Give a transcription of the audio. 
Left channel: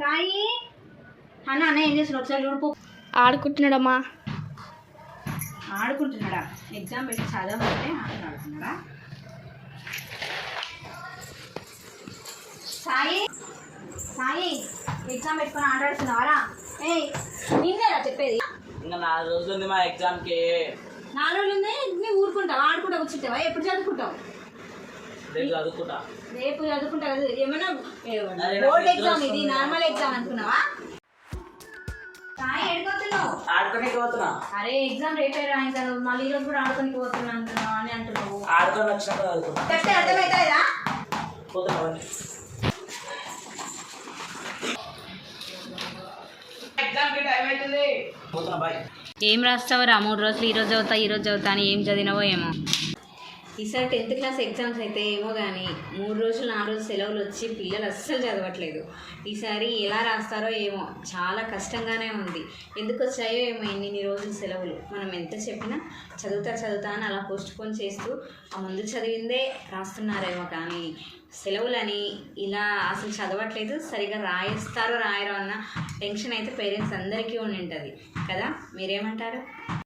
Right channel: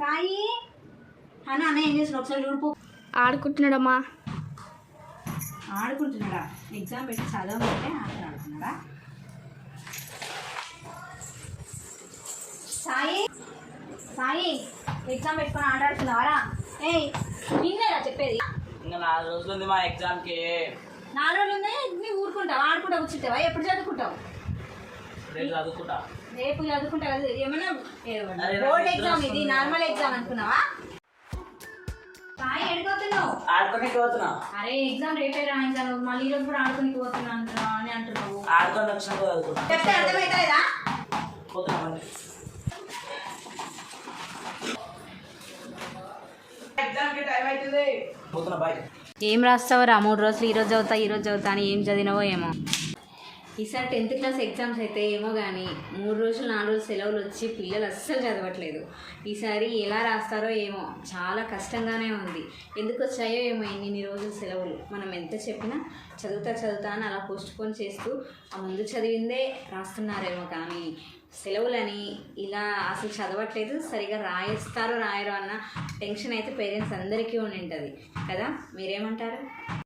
సాయి అన్న అన్న ఏం చేస్తున్నాడు ఒకసారి చూడుపు. ఆడుకుంటున్నాడమ్మా. ఆడుకుంటున్నాడా? ఎగ్జామ్ పెట్టి చదవమంటే ఆటలు ఆడుతున్నాడా? సాయి సాయి ఎగ్జామ్ పెట్టుకొని ఆడాడుతున్నావారా? ఏయ్ నిన్నేరా చెప్పేది. ఇంకా 4 రోజులు ఉంది మా ఎగ్జామ్కి. 4 రోజులు ఉంది. నువ్వు ఊరుకుంటావా? ఆడుకుంటా కూర్చుంటావా? ఎప్పుడు చదువుకుంటావు? రేపు చదువుకుంటా. రేపు చదువుకుంటా కదా. ఏమన్నా బోర్డ్ ఎగ్జామ్ ఇది నార్మల్ ఎగ్జామ్ అనుకున్నావా? సాయి ఎడిపోతున్నావు? ఆడుకోనికి పోతున్నా. అరే ఎగ్జామ్ రేపే రాయించాను, మళ్ళీ ఈరోజు కూడా ఆడుకొని పోతున్నా అంటున్నావు అని అంటున్నావు. ఆడుకొని వచ్చినప్పుడు చదువుకున్నా. చెప్తే అర్థమవుతుందా? పోతున్నా. ఎగ్జామ్కి టైం అవుతుంది. పోతున్నా బాయ్. ఏం రాస్తావురా? 3 రోజులు ఈరోజు చదువుతా అని ఏం చదివినావో ఏమో. ఈసారి 10th క్లాస్ ఎగ్జామ్స్ అయితే ఏమో కానీ 3 రోజులు 4 రోజులు సెలవులు వచ్చి పిల్లలు అస్సలు చదవట్లేదు. ఈసారి ఎలా రాస్తారో ఏమో, చాలా కష్టంగానే ఉంది. ఎందుకు వచ్చాయో ఏమో ఇన్ని రోజులు సెలవులు. మనం ఎంత చెప్పినా చదువుతా అని అలా పోస్ట్పోన్ చేస్తూ ఆ ముందు చదివిందే రాస్తున్నారేమో, కానీ సెలవులని ఇలా అసలు చదవట్లేదు. సరిగా రాయిస్తారో రాయరో అన్న టెన్షన్ అయితే పేరెంట్స్ అందరికీ ఉండి ఉంటుంది కదా. మీరేమంటారు?